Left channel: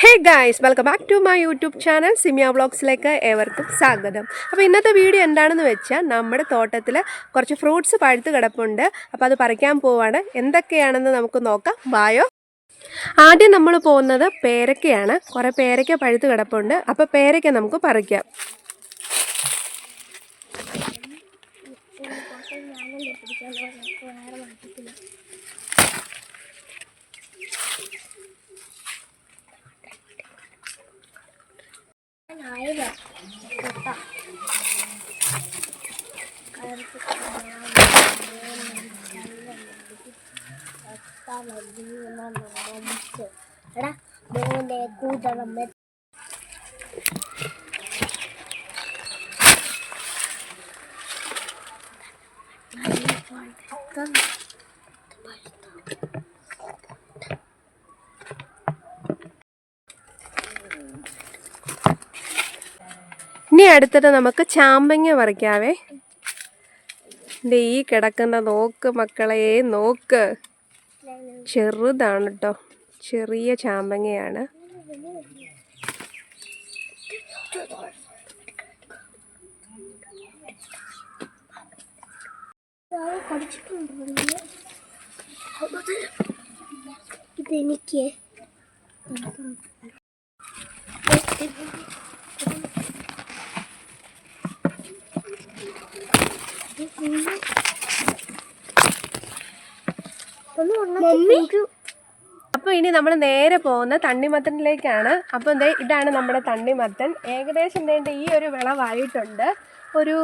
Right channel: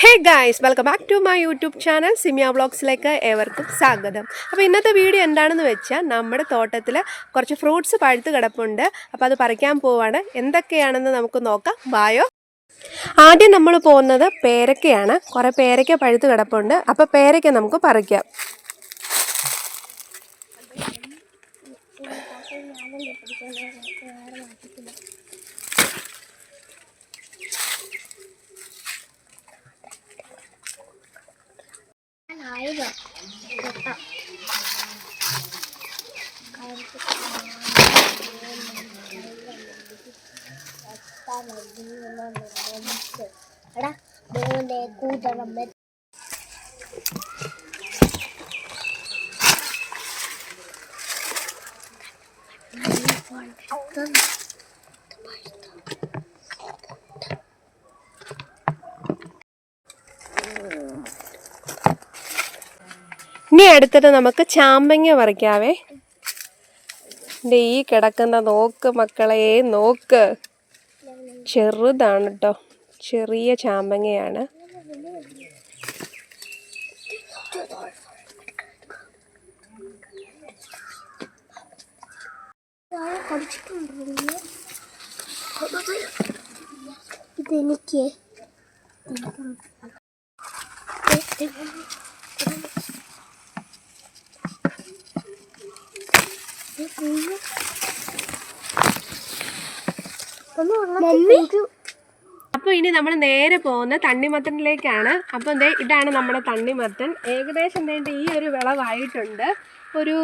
Hey guys, welcome back to my YouTube channel Simiya വ്ളോഗ്സിലേക്ക് ഏവർക്കും സ്വാഗതം. അപ്പോൾ ഇന്നത്തെ വീഡിയോ എന്താണെന്ന് വെച്ചാൽ നമ്മുടെ തോട്ടത്തിൽ കുറച്ച് ഫ്രൂട്ട്സ് പഴുത്ത് കിടപ്പുണ്ട്. അപ്പോൾ അത് പറിക്കാൻ പോവാണ്. എന്തൊക്കെയാണെന്ന് നമുക്ക് നോക്കാം. വായോ. ആദ്യം നമ്മൾ പോകുന്നത് പേരയ്ക്കയാണ്. കുറേ പേരയ്ക്ക പഴുത്ത് കിടപ്പുണ്ട്. അപ്പോൾ പേരയ്ക്ക നമുക്ക് പറിക്കാം. ഇനി അടുത്തത് നമുക്ക് ചാമ്പങ്ങ പറിക്കാവേ. ഈ കിടക്കുന്ന നോക്ക് മക്കളെ, നോക്ക്. ചെറുതാണ് കേട്ടോ, ചെറിയ ചാമ്പങ്ങയാണ്. ഇതെനിക്ക് അപ്പോൾ ഇനി നമ്മൾ നേരെ പോകുന്ന തണ്ണിമത്തനിലേക്കാണ്. അപ്പം ഇതാണ് നമ്മുടെ തണ്ണിമത്തൻ. ഏകദേശം ഈ ഒരു വിളവായിട്ടുണ്ട്. ഒരു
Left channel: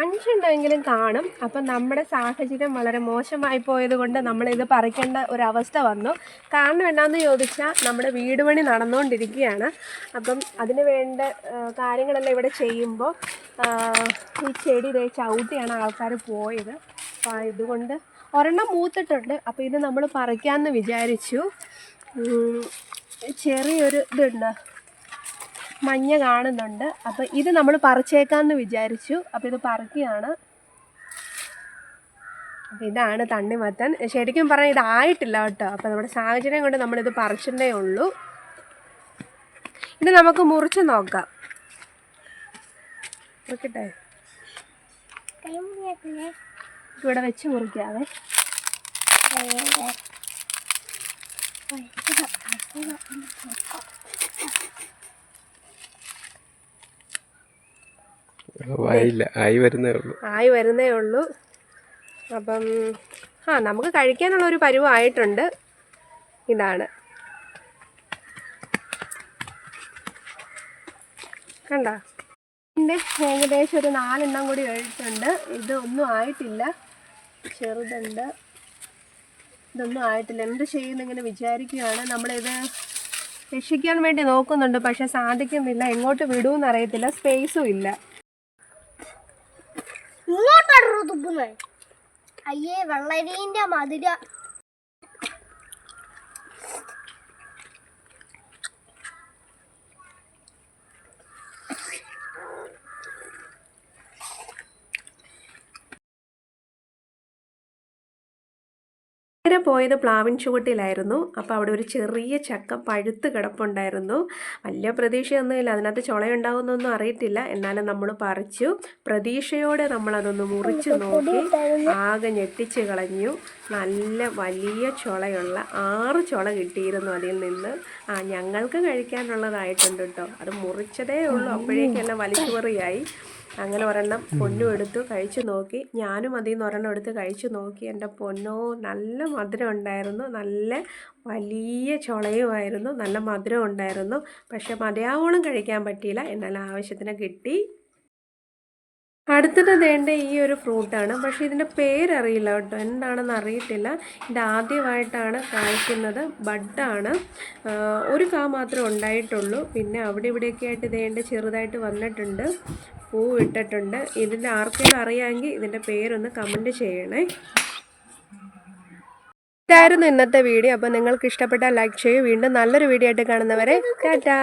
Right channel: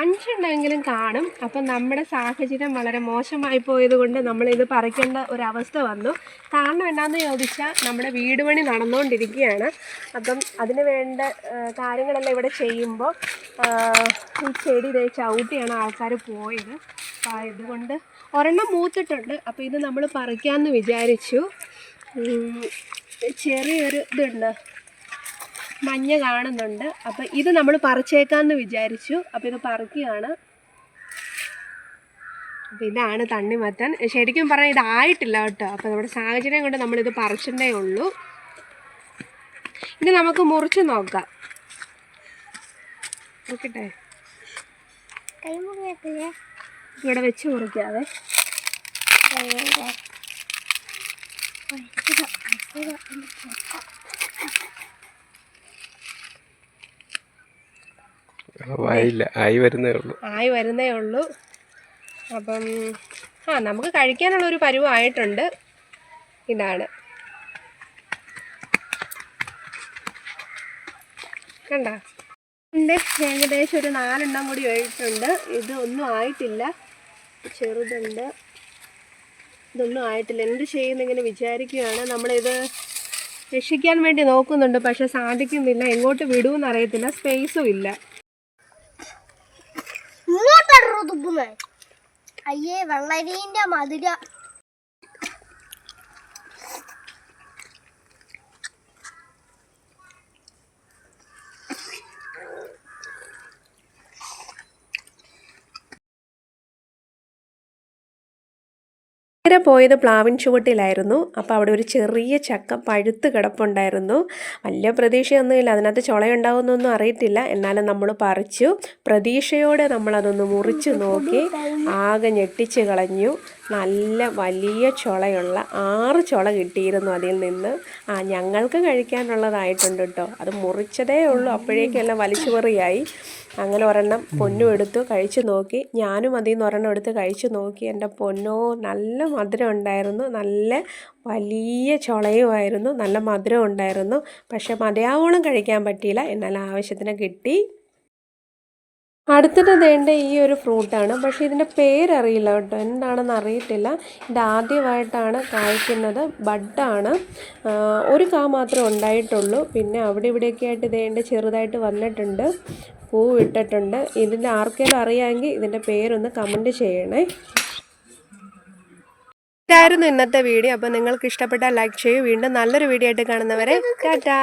5 എണ്ണമെങ്കിലും കാണും. അപ്പം നമ്മുടെ സാഹചര്യം വളരെ മോശമായി പോയത് കൊണ്ട് നമ്മളിത് പറിക്കേണ്ട ഒരവസ്ഥ വന്നു. കാരണം എന്നാന്ന് ചോദിച്ചാൽ നമ്മുടെ വീട് പണി നടന്നുകൊണ്ടിരിക്കുകയാണ്. അപ്പം അതിന് വേണ്ട കാര്യങ്ങളെല്ലാം ഇവിടെ ചെയ്യുമ്പോൾ ഈ ചെടി ചവിട്ടിയാണ് ആൾക്കാർ പോയത്. അപ്പോൾ ഇതുകൊണ്ട് ഒരെണ്ണം മൂത്തിട്ടുണ്ട്. അപ്പോൾ ഇത് നമ്മൾ പറിക്കാമെന്ന് വിചാരിച്ചു. ചെറിയൊരു ഇതുണ്ട്, മഞ്ഞ കാണുന്നുണ്ട്. അപ്പോൾ ഇത് നമ്മൾ പറിച്ചേക്കാമെന്ന് വിചാരിച്ചു. അപ്പോൾ ഇത് പറിക്കുകയാണ്. അപ്പോൾ ഇതാണ് തണ്ണിമത്തൻ. ശരിക്കും പറഞ്ഞാൽ ഇതായിട്ടില്ല കേട്ടോ. അപ്പോൾ നമ്മുടെ സാഹചര്യം കൊണ്ട് നമ്മളിത് പറിച്ചിട്ടേ ഉള്ളൂ. ഇത് നമുക്ക് മുറിച്ച് നോക്കാം. മുറിക്കട്ടെ? ഇവിടെ വെച്ച് മുറിക്കാവേ. ആയി വരുന്നേ ഉള്ളൂ. അപ്പം നമുക്ക് കഴിക്കാനുള്ള ഒരു പരുവമായിട്ടുണ്ട്. ഇതാണ്, കണ്ട. ഇതിൻ്റെ ഏകദേശം ഒരു 4 എണ്ണം കൂടി ആയിട്ടുണ്ട്. ഇത് ഒന്നും ആയിട്ടില്ല, ചെറുതുണ്ട്. ഇതൊന്നും ആയിട്ടില്ല. എന്ത് ചെയ്യുന്നിങ്ങനെ വിചാരിക്കുകയാണ്. നമ്മളിത് രക്ഷിക്കാൻ വേണ്ടി നോക്കുന്നുണ്ട്, പക്ഷെ സാധിക്കുന്നില്ല. എങ്ങോട്ട് വിടുമെന്ന് അറിയത്തില്ല, സ്പേസും ഇല്ല. അയ്യേ, വെള്ളരീൻ്റെ മധുര. നേരെ പോയത് പ്ലാവിൻ ചുവട്ടിലായിരുന്നു. അപ്പോൾ അവിടെ ഒരു ചെറിയ ചക്ക പഴുത്ത് കിടപ്പുണ്ടായിരുന്നു. വലിയ പ്രതീക്ഷയൊന്നുമില്ല, അതിനകത്ത് ചുളയുണ്ടാകുന്നൊന്നും അറിയത്തില്ല. എന്നാലും നമ്മൾ പറിച്ചു. പ്രതീക്ഷയോടെ നമ്മളതൊന്ന് മുറിച്ച് നോക്കി. ആകെ ഞെട്ടിച്ച് കളഞ്ഞു. നല്ല വലിയ ചുളയുള്ള 6 ചുള കിട്ടിയിരുന്നു അതിൽ നിന്ന്. ഞങ്ങൾക്ക് കഴിക്കാനുള്ളതായിട്ടുണ്ട് കേട്ടോ. അത് മുറിച്ചതേ ഉള്ളൂ, അപ്പോഴേക്കെല്ലാം വലിച്ചുപറിയായി. അങ്ങനെ ഒരെണ്ണം പൊന്നും എടുത്തു കഴിച്ചു നോക്കി. ഞാനും അതിൽ നിന്ന് ഒരെണ്ണം എടുത്ത് കഴിച്ചു നോക്കി. എൻ്റെ പൊന്നോ, നല്ല മധുരം ഉണ്ടായിരുന്നു. നല്ല വലിയ ചുളയുമായിരുന്നു, നല്ല മധുരം ഉണ്ടായിരുന്നു. പക്ഷെ മതിയാവോളം കഴിക്കാൻ പറ്റിയില്ല, എന്നാൽ ആവശ്യത്തിന് കിട്ടി. അടുത്തത് വേണ്ട ഈ ഒരു ഫ്രൂട്ടാണ്. പക്ഷേ ഇതിൻ്റെ പേരറിയില്ല കേട്ടോ, എന്താണെന്ന് അറിയത്തില്ല. ഇത് ആദ്യമായിട്ടാണ് കായ്ക്കുന്നത്. ബഡാണ്. ഒരു കാ മാത്രമേ ഉണ്ടായിട്ടുള്ളൂ. പിന്നെ അവിടെ ഇവിടെയൊക്കെ ആയിട്ട് ഇതേണ്ട ചെറുതായിട്ട് വന്നിട്ടുണ്ട്, പൂ ഇട്ടിട്ടുണ്ട്. ഇതിൻ്റെ ആർക്കെങ്കിലും അറിയാമെങ്കിൽ ഇതിൻ്റെ പേരൊന്ന് കമൻറ്റ് ചെയ്യണേ. ഇതായിരുന്നു ഇന്നത്തെ വീഡിയോ. അപ്പോൾ നിങ്ങൾക്ക് ഇഷ്ടപ്പെട്ടാൽ ലൈക്ക് ചെയ്യൂ. വീണ്ടും നല്ലൊരു വീഡിയോ ആയിട്ട് കാണുന്നവരെ ടാറ്റാ.